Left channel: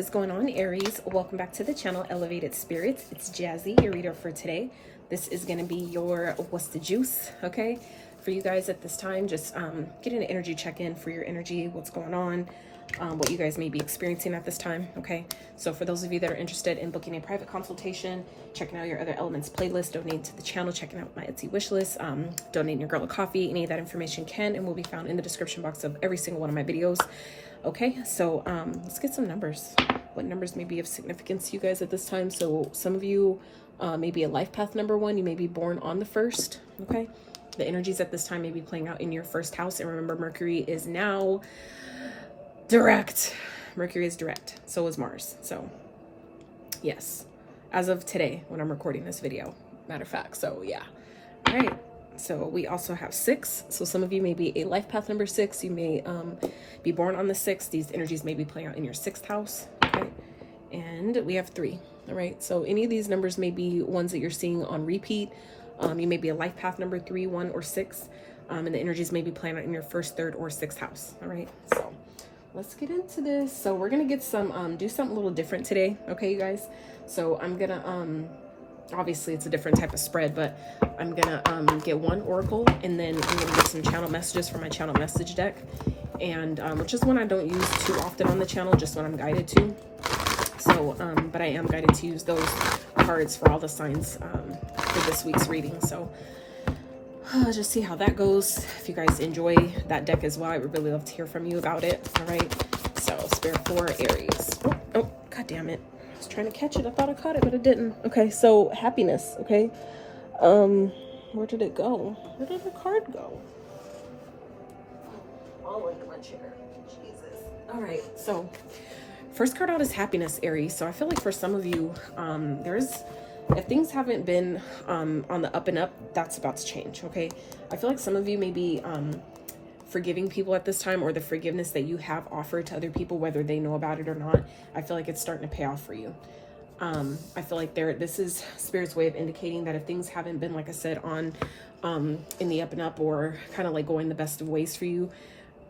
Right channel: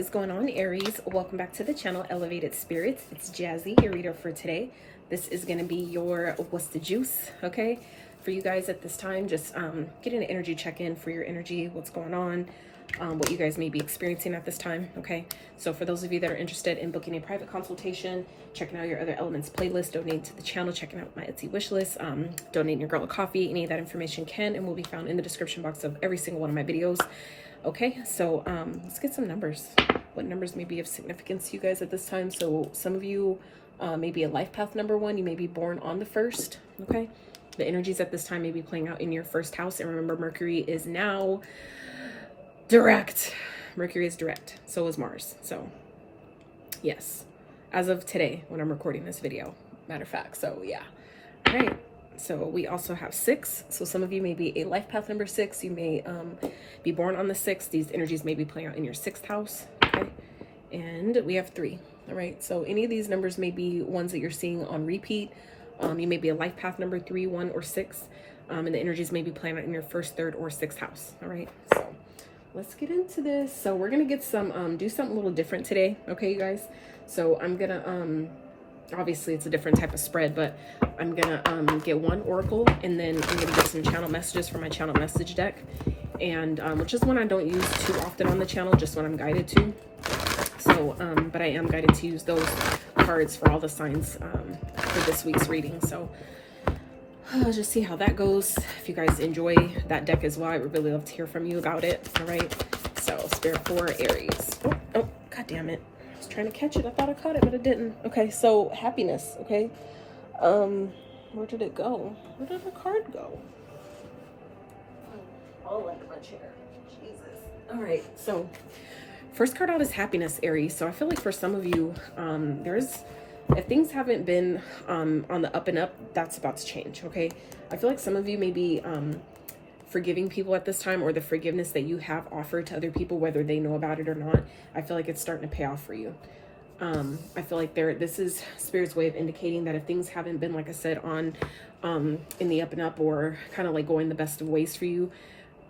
is going on, Aries? Welcome back to the channel, Elevated Spirits. It's Jazzy, your reader for today. This is going to be your what's the juice, okay? For you guys at this time, just getting an energy check-in for your energy, what's going on, what you guys may be experiencing at this time, okay? So for those of you that are interested in booking a private consultation, checking out your other elements playlist, donating to the channel, checking out my Etsy wish list, donating your girl a coffee, any of that information can and will be found in the description box of every single one of my videos. Okay, so let's get some numbers. What numbers may be of significance to you guys at this time? So some of you may be a life path number 1. You may be born on the 1st, okay? The energies at this time may be playing out in your 1st house. And remember, Mercury is now direct. Mercury is direct. So is Mars. So, yes. As of today, when I'm recording this video, matter of fact. So, yeah. All right. So we also have 6. So some of you may be a life path number 6. You may be born on the 6th. These energies may be playing out in your 6th house. Okay. And we have 3. All right. So any of these numbers may be ones that you're seeing on repeat. You may be a life path number 3, 1, or 6. And the energies may be playing out in your 1st, 3rd, or 6th house. All right. So let's get into this. So we're going to get some, do something a little different today. Okay, you guys. So I'm going to, obviously it's a different type of spread, but I'm gonna get one oracle, and then I'm gonna get some channel messages from my channel message deck, and which is one I don't use too often on the channel, just when I'm guided to. So but I am guided to use those cards for all the signs for this week's reading. So let's just see how that goes. If you guys enjoy that deck as well, I would really love to hear from you about it. All right, so Spirit for Aries. Oh, god damn it, I was trying to catch it. I thought I caught it, but it didn't. Okay, so happiness. Okay, where did it go? Where did the card go? Oh, under my chair. Jesus. All right, so first card out is happiness, Aries. So I feel like for some of you, if things haven't been on the up and up, that's about to change. Okay, I feel like some of you may be forgiving people at this time, or the forgiveness that you have offered to other people, whether they know about it or not. I feel like it's starting to pay off for you. I feel like this is Spirit's way of indicating that if things haven't been, like I said, on in the up and up, or kind of like going the best of ways for you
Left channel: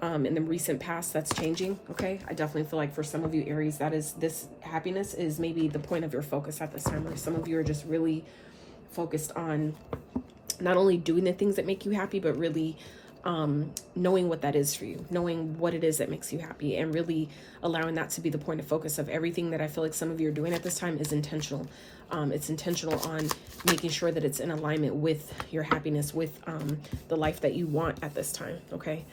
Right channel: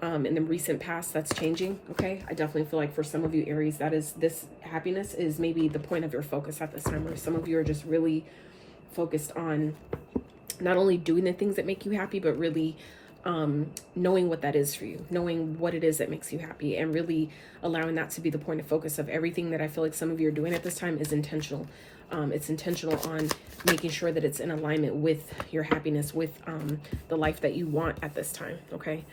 in the recent past, that's changing. Okay, I definitely feel like for some of you, Aries, this happiness is maybe the point of your focus at this time, or some of you are just really focused on not only doing the things that make you happy, but really knowing what that is for you, knowing what it is that makes you happy, and really allowing that to be the point of focus of everything that I feel like some of you are doing at this time is intentional. It's intentional on making sure that it's in alignment with your happiness, with the life that you want at this time. Okay.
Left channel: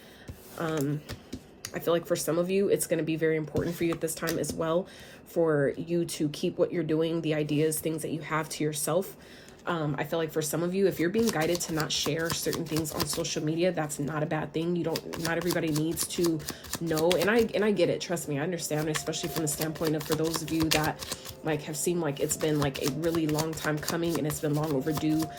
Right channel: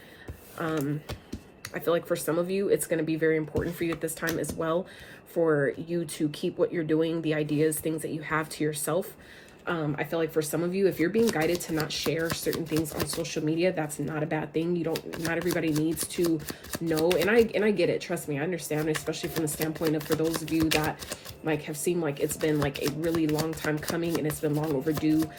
I feel like for some of you, it's going to be very important for you at this time as well, for you to keep what you're doing, the ideas, things that you have, to yourself. I feel like for some of you, if you're being guided to not share certain things on social media, that's not a bad thing. Not everybody needs to know. And I get it. Trust me, I understand, especially from the standpoint of, for those of you that like have seemed like it's been like a really long time coming and it's been long overdue,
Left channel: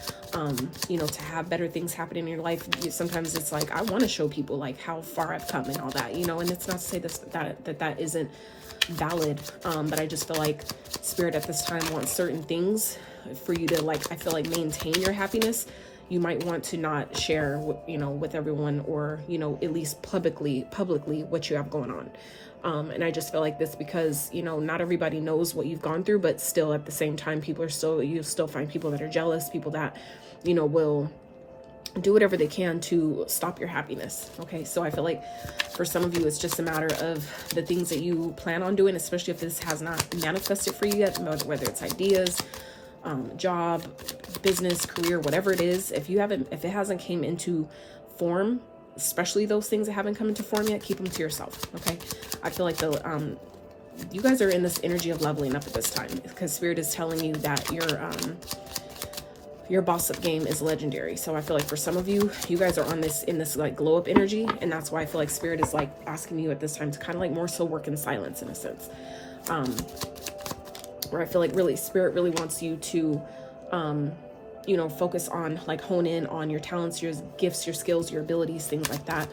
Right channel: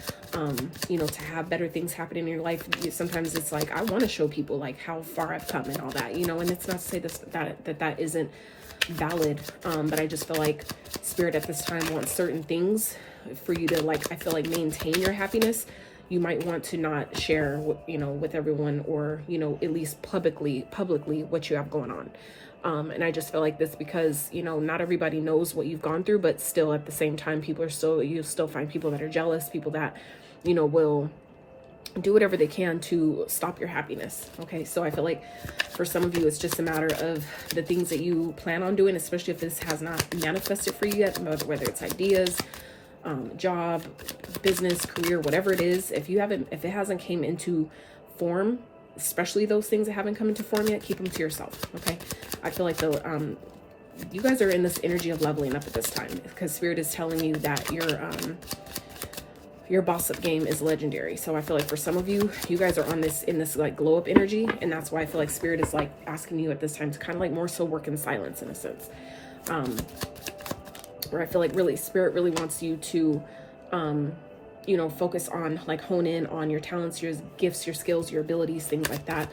you know, to have better things happen in your life. Sometimes it's like, I want to show people like how far I've come and all that, you know, and it's not to say that isn't valid. But I just feel like Spirit at this time wants certain things for you to, like, I feel like, maintain your happiness. You might want to not share, you know, with everyone, or, you know, at least publicly what you have going on. And I just feel like this because, you know, not everybody knows what you've gone through, but still at the same time, you still find people that are jealous, people that, you know, will do whatever they can to stop your happiness. Okay, so I feel like for some of you, it's just a matter of the things that you plan on doing, especially if this has not manifested for you yet, whether it's ideas, job, business, career, whatever it is. If it hasn't came into form, especially those things that haven't come into form yet, keep them to yourself. Okay, I feel like you guys are in this energy of leveling up at this time, because Spirit is telling you that your boss-up game is legendary. So I feel like for some of you, you guys are in this like glow up energy, and that's why I feel like Spirit is like asking you at this time to kind of like more so work in silence, in a sense. Where I feel like really Spirit really wants you to, you know, focus on, like, hone in on your talents, your gifts, your skills, your abilities, things like that.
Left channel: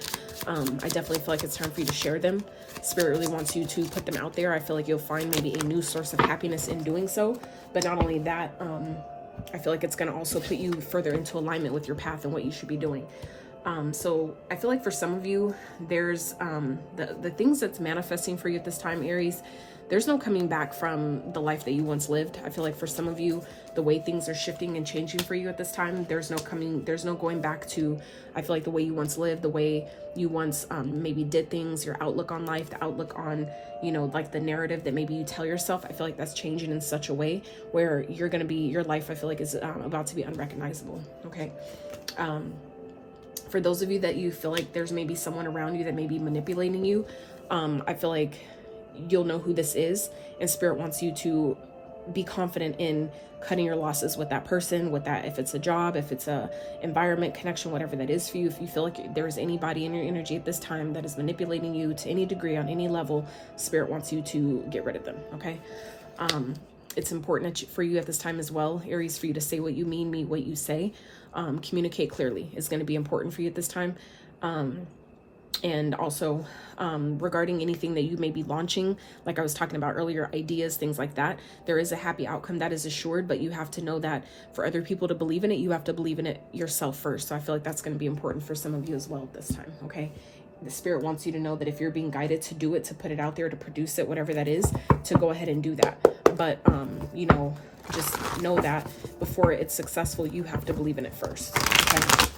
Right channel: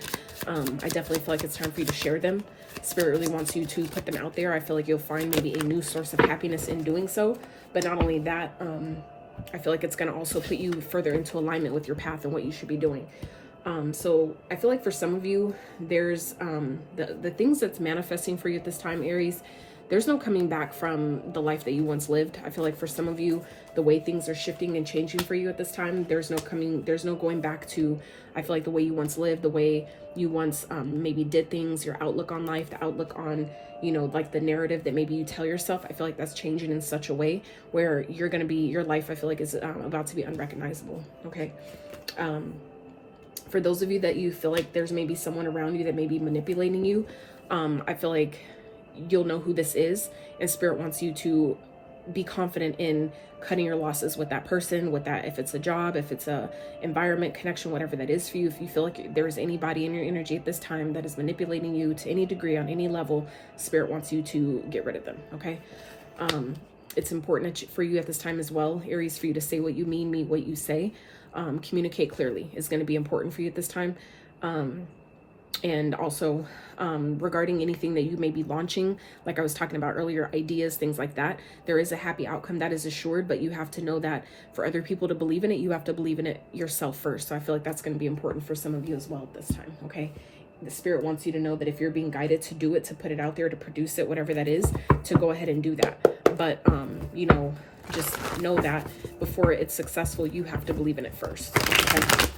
I definitely feel like it's time for you to share them. Spirit really wants you to put them out there. I feel like you'll find maybe a new source of happiness in doing so. But not only that, I feel like it's going to also put you further into alignment with your path and what you should be doing. So I feel like for some of you, there's the things that's manifesting for you at this time, Aries. there's no coming back from the life that you once lived. I feel like for some of you, the way things are shifting and changing for you at this time, there's no going back to, I feel like, the way you once lived, the way you once maybe did things, your outlook on life, the outlook on, you know, like the narrative that maybe you tell yourself. I feel like that's changing in such a way where you're going to be, your life, I feel like, is about to be unrecognizable. Okay. For those of you that you feel like there's maybe someone around you that may be manipulating you, I feel like you'll know who this is, and Spirit wants you to be confident in cutting your losses with that person, with that, if it's a job, if it's a environment, connection, whatever that is for you. If you feel like there's anybody in your energy at this time that is manipulating you to any degree, on any level, Spirit wants you to get rid of them. Okay. It's important for you at this time as well, Aries, for you to say what you mean what you say. Communicate clearly is going to be important for you at this time. And also regarding anything that you may be launching, like I was talking about earlier, ideas, things like that, there is a happy outcome that is assured, but you have to know that for other people to believe in it, you have to believe in it yourself first. So I feel like that's going to be important for some of you as well at this time. Okay. The Spirit wants you to know that if you're being guided to do it, to put it out there, to produce it, whatever that is, to go ahead and do that. But, you know, just know that before it's successful, you have to believe in it first. Okay.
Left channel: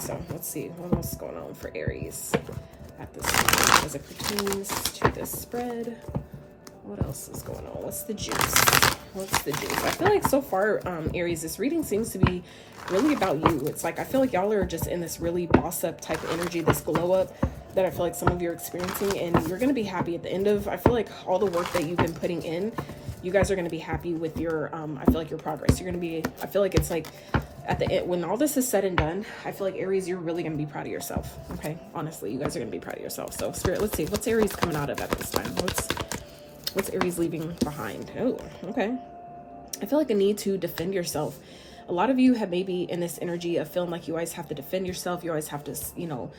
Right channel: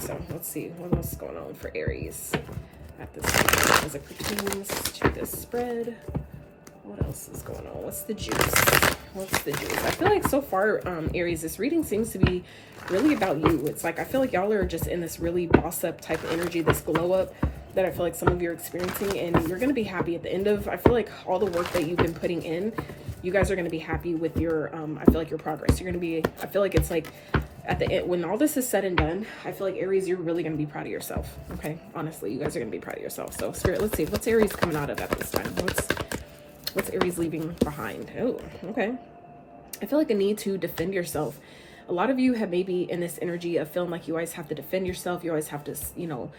So let's see what else is going on for Aries at this time as it pertains to this spread. What else is going on? What's the juice? What's the juice? I feel like so far, Aries, this reading seems to be really about you. It's like, I feel like y'all are just in this really boss-up type of energy, this glow-up that I feel like some of you are experiencing, and you're going to be happy at the end of, I feel like, all the work that you've been putting in. You guys are going to be happy with your, I feel like, your progress. You're going to be, I feel like it's like, at the end, when all this is said and done, I feel like, Aries, you're really going to be proud of yourself. Okay. Honestly, you guys are going to be proud of yourself. So Spirit, let's see, what's Aries coming out of at this time? What's Aries leaving behind? Oh, okay. I feel like a need to defend yourself. A lot of you have maybe in this energy of feeling like you always have to defend yourself. You always have to, you know,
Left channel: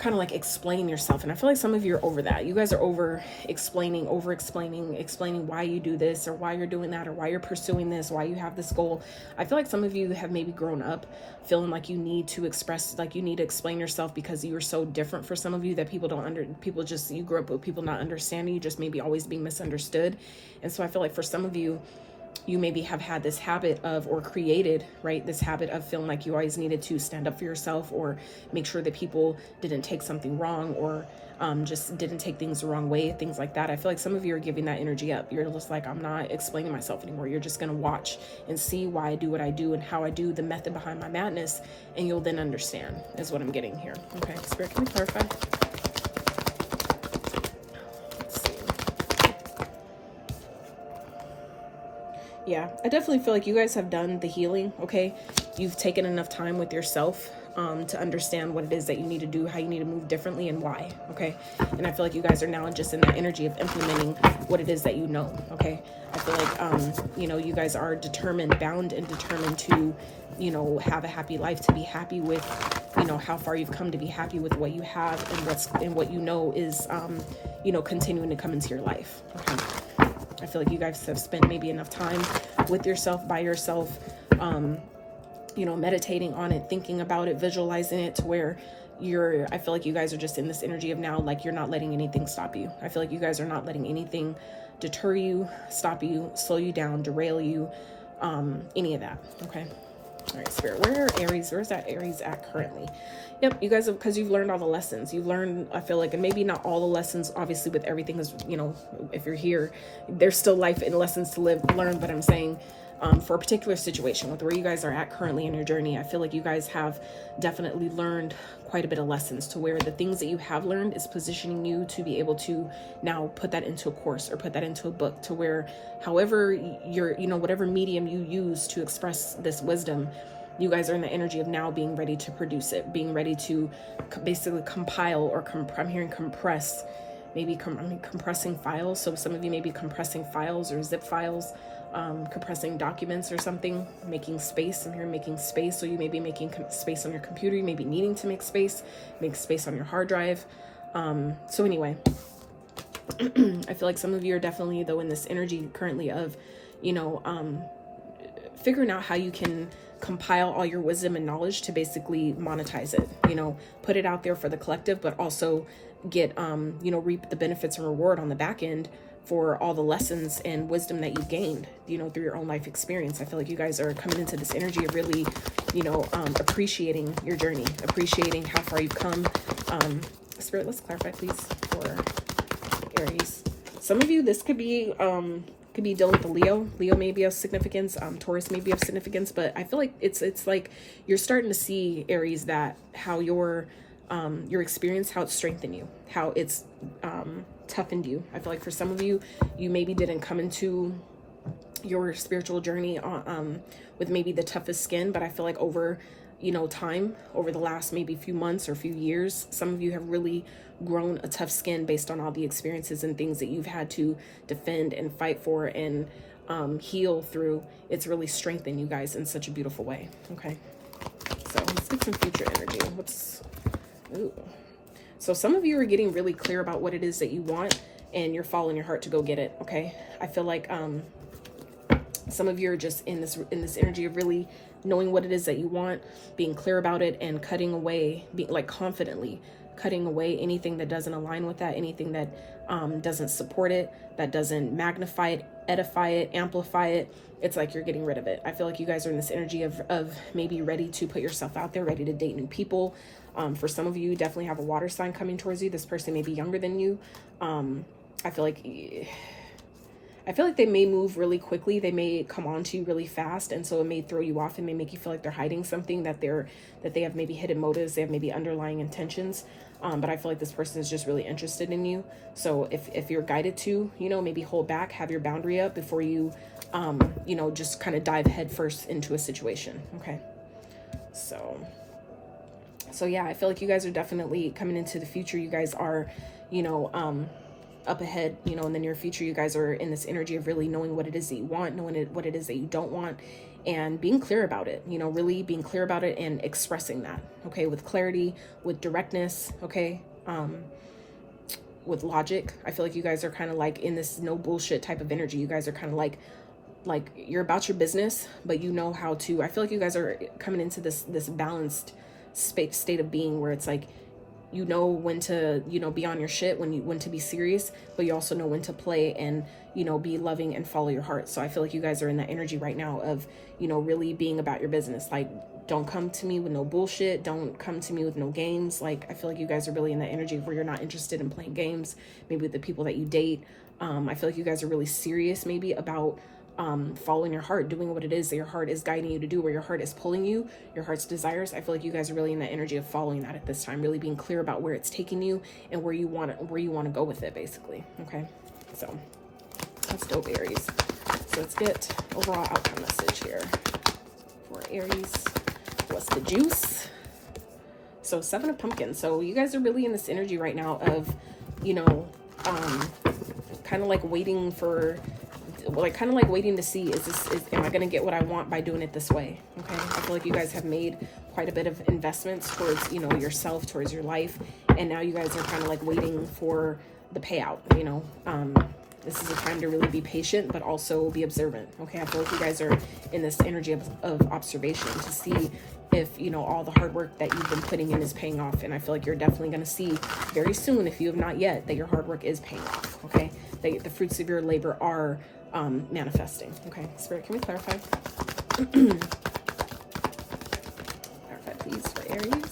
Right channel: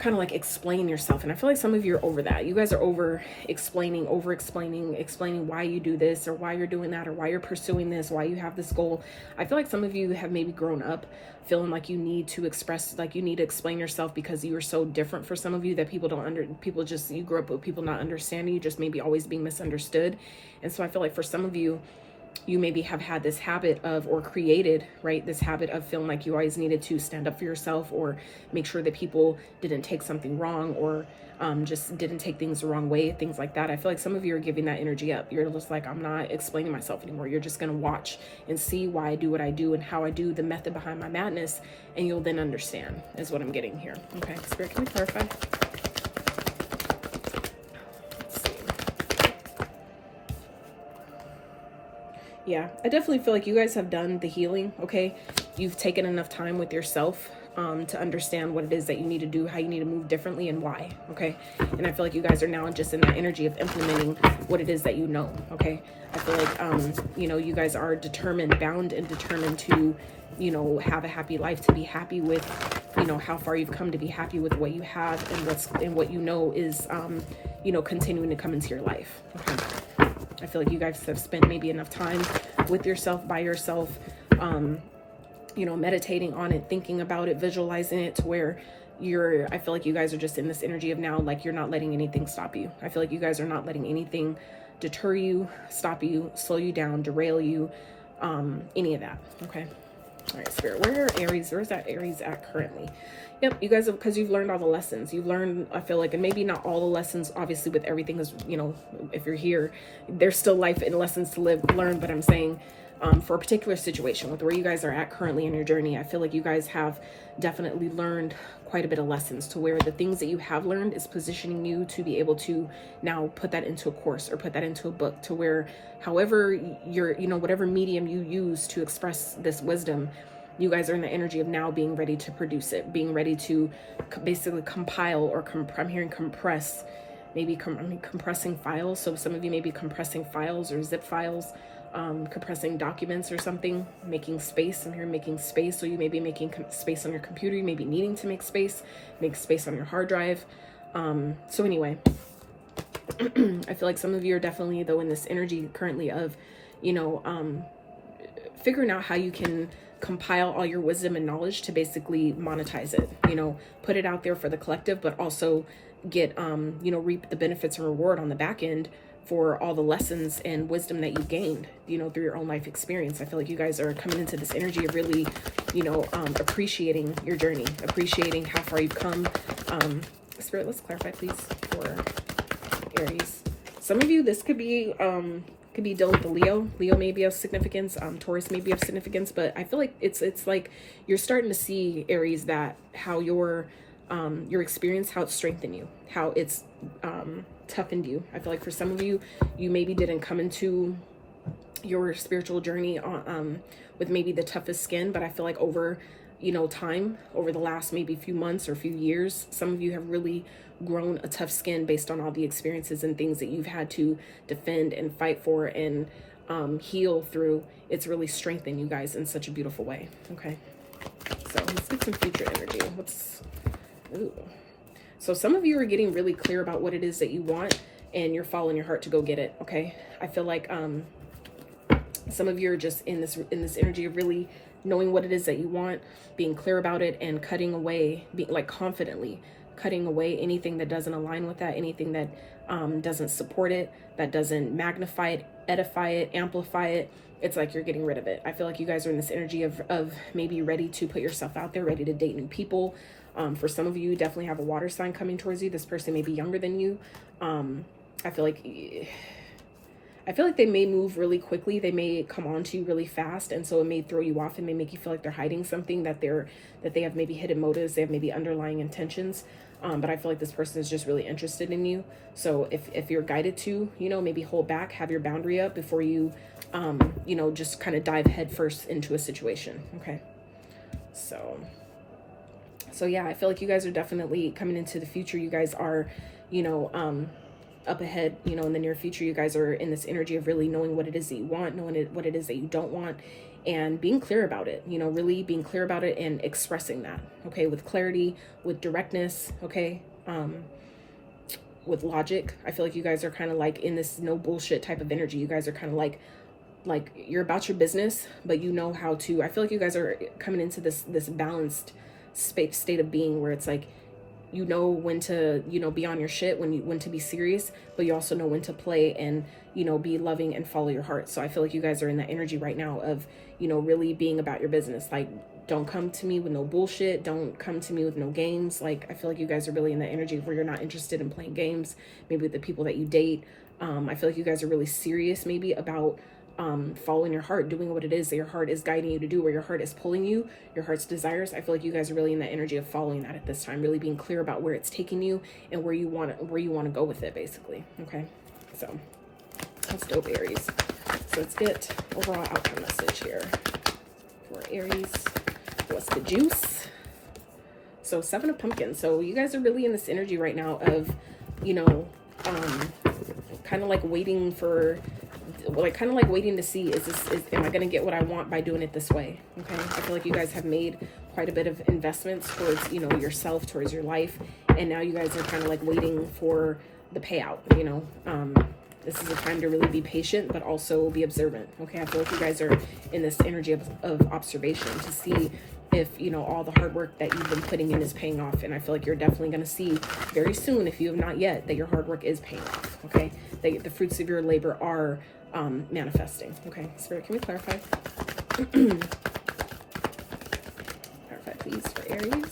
kind of like explain yourself. And I feel like some of you are over that. You guys are over explaining why you do this, or why you're doing that, or why you're pursuing this, why you have this goal. I feel like some of you have maybe grown up feeling like you need to express, like you need to explain yourself because you are so different for some of you that you grew up with people not understanding you, just maybe always being misunderstood. And so I feel like for some of you, you maybe have had this habit of, or created, right, this habit of feeling like you always needed to stand up for yourself, or make sure that people didn't take something wrong, or just didn't take things the wrong way, things like that. I feel like some of you are giving that energy up. You're just like, I'm not explaining myself anymore. You're just going to watch and see why I do what I do and how I do, the method behind my madness, and you'll then understand, is what I'm getting here. Okay, Spirit, can you clarify? Yeah, I definitely feel like you guys have done the healing, okay? You've taken enough time with yourself to understand what it is that you need to do, how you need to move differently, and why, okay? And I feel like you guys are now just in that energy of implementing what it is that you know, okay? I feel like, you know, you guys are bound and determined to, you know, have a happy life, to be happy with, you know, how far you've come, to be happy with what you have and what you know is, you know, continuing to come into your life, okay? I feel like you guys have spent maybe enough time with yourself, by yourself, you know, meditating on it, thinking about it, visualizing it, to where I feel like you guys are just in this energy of now, like, you're not letting anything stop you. I feel like you guys are not letting anything deter you, stop you, slow you down, derail you, any of that. Okay. All right, Spirit, where's that Aries at currently? Yep, you guys have, because you've learned all the lessons. You've learned, I feel like, and maybe not all the lessons, obviously, with everything is, you know, if you're here, there's still life and lessons to learn, but I'm saying, for a particular situation with where you guys are at currently in your journey, I feel like you guys have definitely learned quite a bit of lessons, to where the things that you have learned is positioning you to be able to now put that into a course, or put that into a book, to where however you know, whatever medium you use to express this wisdom, you guys are in the energy of now being ready to produce it, being ready to basically compile, or I'm hearing compress, maybe compressing files. So some of you may be compressing files or zip files, compressing documents or something, making space. I'm hearing making space. So you may be making space on your computer. You may be needing to make space on your hard drive. So anyway, I feel like some of you are definitely, though, in this energy currently of, you know, figuring out how you can compile all your wisdom and knowledge to basically monetize it, you know, put it out there for the collective, but also get, you know, reap the benefits and reward on the back end for all the lessons and wisdom that you gained, you know, through your own life experience. I feel like you guys are coming into this energy of really, you know, appreciating your journey, appreciating how far you've come. Spirit, let's clarify, please, for Aries. Some of you, this could be dealing with the Leo. Leo may be of significance. Taurus may be of significance, but I feel like it's like you're starting to see, Aries, that how your experience, how it's strengthened you, how it's toughened you. I feel like for some of you, you maybe didn't come into your spiritual journey with maybe the toughest skin, but I feel like over, you know, time, over the last maybe few months or few years, some of you have really grown a tough skin based on all the experiences and things that you've had to defend and fight for and heal through. It's really strengthened you guys in such a beautiful way. Okay, so let's get some future energy. Ooh. So some of you are getting really clear about what it is that you want, and you're following your heart to go get it. Okay, I feel like some of you are just in this energy of really knowing what it is that you want, being clear about it, and cutting away, being like confidently cutting away anything that doesn't align with that, anything that doesn't support it, that doesn't magnify it, edify it, amplify it. It's like you're getting rid of it. I feel like you guys are in this energy of maybe ready to put yourself out there, ready to date new people. For some of you, definitely have a water sign coming towards you. This person may be younger than you. I feel like they may move really quickly. They may come on to you really fast, and so it may throw you off and may make you feel like they're hiding something, that they have maybe hidden motives, they have maybe underlying intentions. But I feel like this person is just really interested in you. So if you're guided to, you know, maybe hold back, have your boundary up before you, you know, just kind of dive headfirst into a situation. Okay, so yeah, I feel like you guys are definitely coming into the future. You guys are, you know, up ahead, you know, in the near future. You guys are in this energy of really knowing what it is that you want, knowing what it is that you don't want, and being clear about it, you know, really being clear about it and expressing that, okay, with clarity, with directness, okay, with logic. I feel like you guys are kind of like in this no bullshit type of energy. You guys are kind of like you're about your business, but you know how to, I feel like you guys are coming into this balanced state of being where it's like, you know when to, you know, be on your shit, when to be serious, but you also know when to play and, you know, be loving and follow your heart. So I feel like you guys are in that energy right now of, you know, really being about your business. Like, don't come to me with no bullshit. Don't come to me with no games. Like, I feel like you guys are really in that energy where you're not interested in playing games, maybe with the people that you date. I feel like you guys are really serious maybe about following your heart, doing what it is that your heart is guiding you to do, where your heart is pulling you, your heart's desires. I feel like you guys are really in that energy of following that at this time, really being clear about where it's taking you and where you want to go with it, basically. Okay, so that's dope, Aries. So let's get overall outcome message here for Aries. What's the juice? So 7 of Pumpkins. So you guys are really in this energy right now of, you know, kind of like waiting for, like kind of like waiting to see, am I going to get what I want by doing it this way? Okay, I feel like you guys have made quite a bit of investments towards, you know, yourself, towards your life, and now you guys are kind of like waiting for the payout. You know, this is a time to really be patient, but also be observant. Okay, I feel like you guys are in this energy of observation to see if, you know, all the hard work that you've been putting in is paying off. And I feel like you're definitely going to see very soon, if you have not yet, that your hard work is paying off. Okay, that the fruits of your labor are manifesting. Okay, Spirit, can we clarify? Clarify, please, for Aries.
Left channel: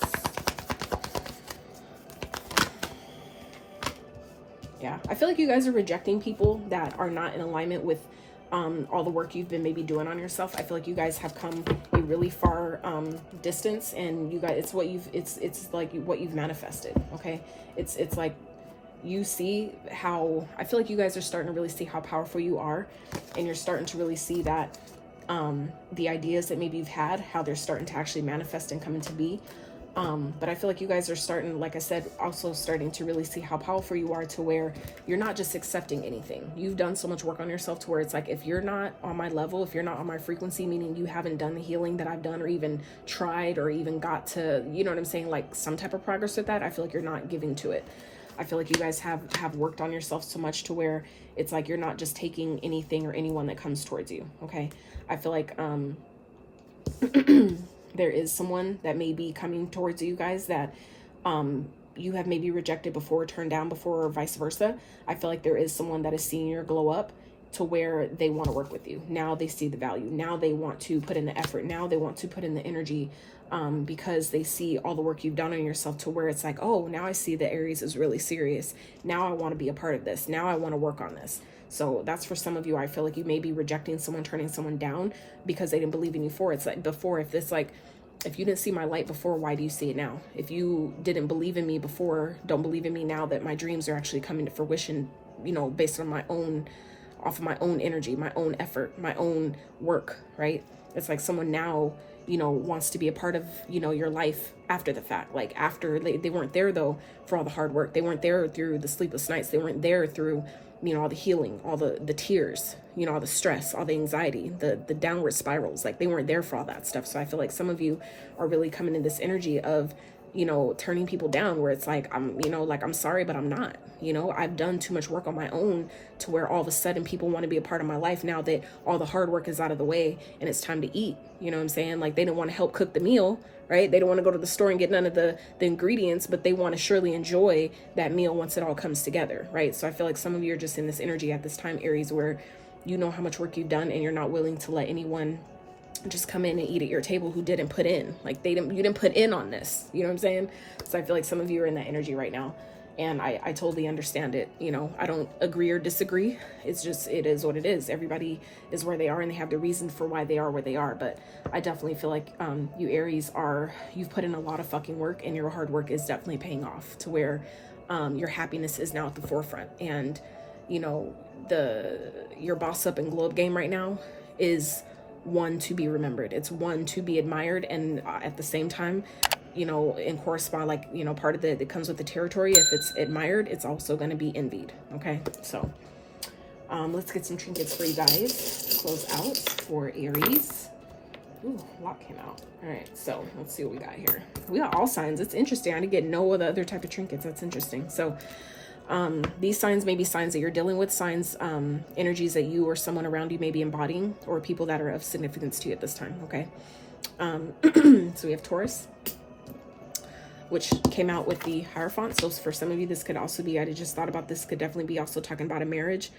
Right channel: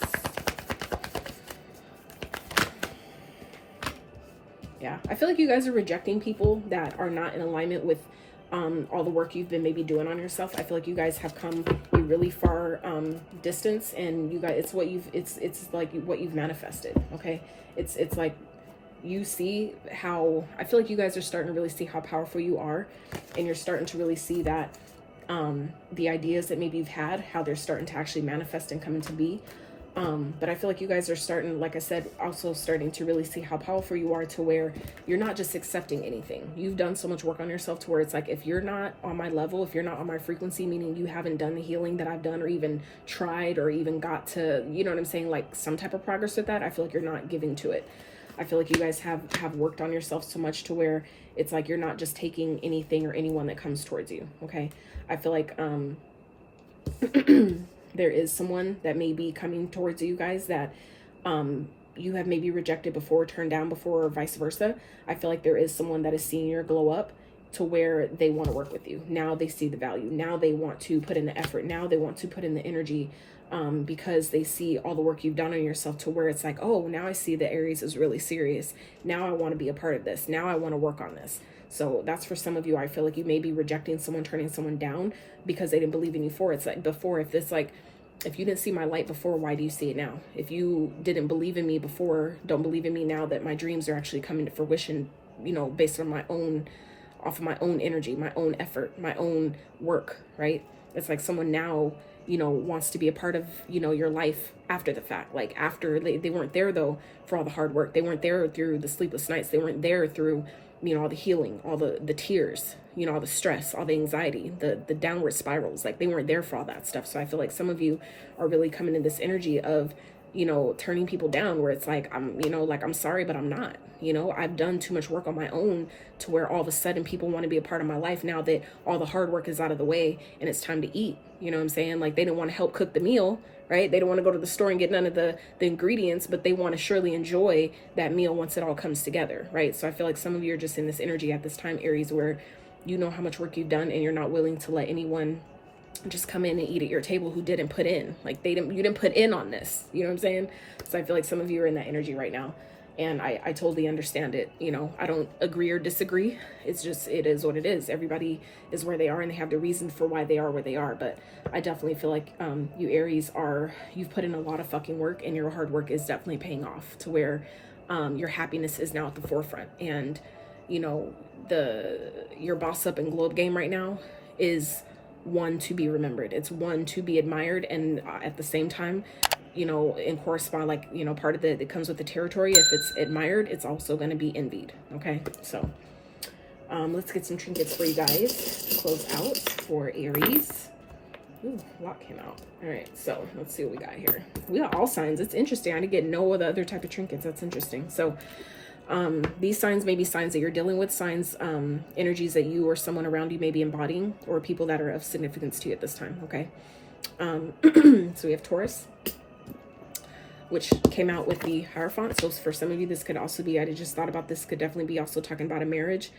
Yeah, I feel like you guys are rejecting people that are not in alignment with all the work you've been maybe doing on yourself. I feel like you guys have come a really far distance, and you guys, it's like what you've manifested. Okay, it's like, you see how, I feel like you guys are starting to really see how powerful you are, and you're starting to really see that the ideas that maybe you've had, how they're starting to actually manifest and come into be. But I feel like you guys are starting, like I said, also starting to really see how powerful you are, to where you're not just accepting anything. You've done so much work on yourself to where it's like, if you're not on my level, if you're not on my frequency, meaning you haven't done the healing that I've done, or even tried, or even got to, you know what I'm saying, like some type of progress with that, I feel like you're not giving to it. I feel like you guys have worked on yourself so much to where it's like you're not just taking anything or anyone that comes towards you. Okay, I feel like there is someone that may be coming towards you guys that you have maybe rejected before, turned down before, or vice versa. I feel like there is someone that is seeing your glow up to where they want to work with you. Now they see the value. Now they want to put in the effort. Now they want to put in the energy, because they see all the work you've done on yourself, to where it's like, oh, now I see that Aries is really serious. Now I want to be a part of this. Now I want to work on this. So that's for some of you. I feel like you may be rejecting someone, turning someone down because they didn't believe in you for. It's like before, if you didn't see my light before, why do you see it now? If you didn't believe in me before, don't believe in me now that my dreams are actually coming to fruition, you know, based on off of my own energy, my own effort, my own work, right? It's like someone now, you know, wants to be a part of, you know, your life after the fact. Like after they weren't there though for all the hard work. They weren't there through the sleepless nights. They weren't there through, you know, all the healing, all the tears, you know, all the stress, all the anxiety, the downward spirals. Like they weren't there for all that stuff. So I feel like some of you are really coming in this energy of, you know, turning people down, where it's like, I'm sorry, but I'm not, you know, I've done too much work on my own to where all of a sudden people want to be a part of my life now that all the hard work is out of the way and it's time to eat. You know what I'm saying? Like they didn't want to help cook the meal, right? They don't want to go to the store and get none of the ingredients, but they want to surely enjoy that meal once it all comes together, right? So I feel like some of you are just in this energy at this time, Aries, where you know how much work you've done and you're not willing to let anyone just come in and eat at your table who didn't put in. Like you didn't put in on this, you know what I'm saying? So I feel like some of you are in that energy right now, and I totally understand it. You know, I don't agree or disagree. It's just, it is what it is. Everybody is where they are and they have the reason for why they are where they are. But I definitely feel like you Aries you've put in a lot of fucking work, and your hard work is definitely paying off to where your happiness is now at the forefront. And you know, your boss up and glow up game right now is one to be remembered. It's one to be admired, and at the same time, you know, in correspond, like, you know, part of it comes with the territory. If it's admired, it's also going to be envied. Okay, so let's get some trinkets for you guys to close out for Aries. Ooh, a lot came out. All right, so let's see what we got here. We got all signs. It's interesting. I didn't get no other type of trinkets. That's interesting. So these signs may be signs that you're dealing with, signs, energies that you or someone around you may be embodying, or people that are of significance to you at this time. Okay. So we have Taurus, which came out with the Hierophant. So for some of you, this could also be, I just thought about this, could definitely be also talking about a marriage.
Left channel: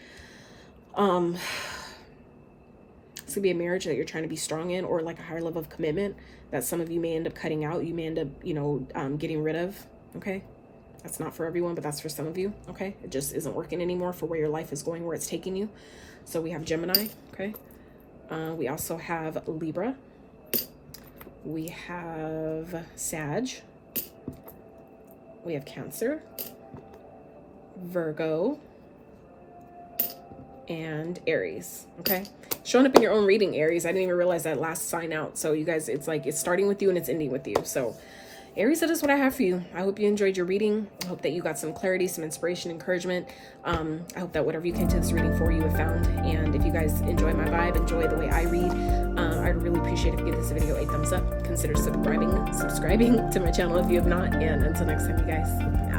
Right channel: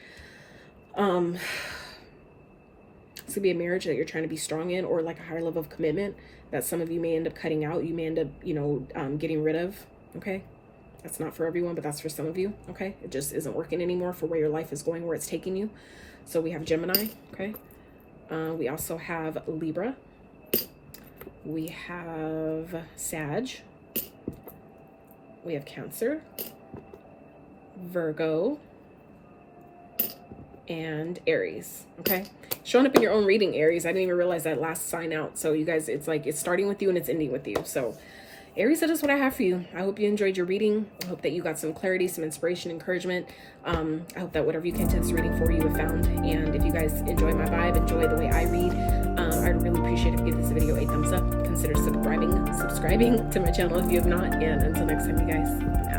This could be a marriage that you're trying to be strong in, or like a higher level of commitment that some of you may end up cutting out. You may end up, you know, getting rid of. Okay. That's not for everyone, but that's for some of you. Okay. It just isn't working anymore for where your life is going, where it's taking you. So we have Gemini. Okay. We also have Libra. We have Sag. We have Cancer, Virgo, and Aries. Okay. Showing up in your own reading, Aries. I didn't even realize that last sign out. So you guys, it's like, it's starting with you and it's ending with you. So Aries, that is what I have for you. I hope you enjoyed your reading. I hope that you got some clarity, some inspiration, encouragement. I hope that whatever you came to this reading for, you have found. And if you guys enjoy my vibe, enjoy the way I read, I really appreciate it if you give this video a thumbs up. Consider subscribing to my channel if you have not. And until next time, you guys.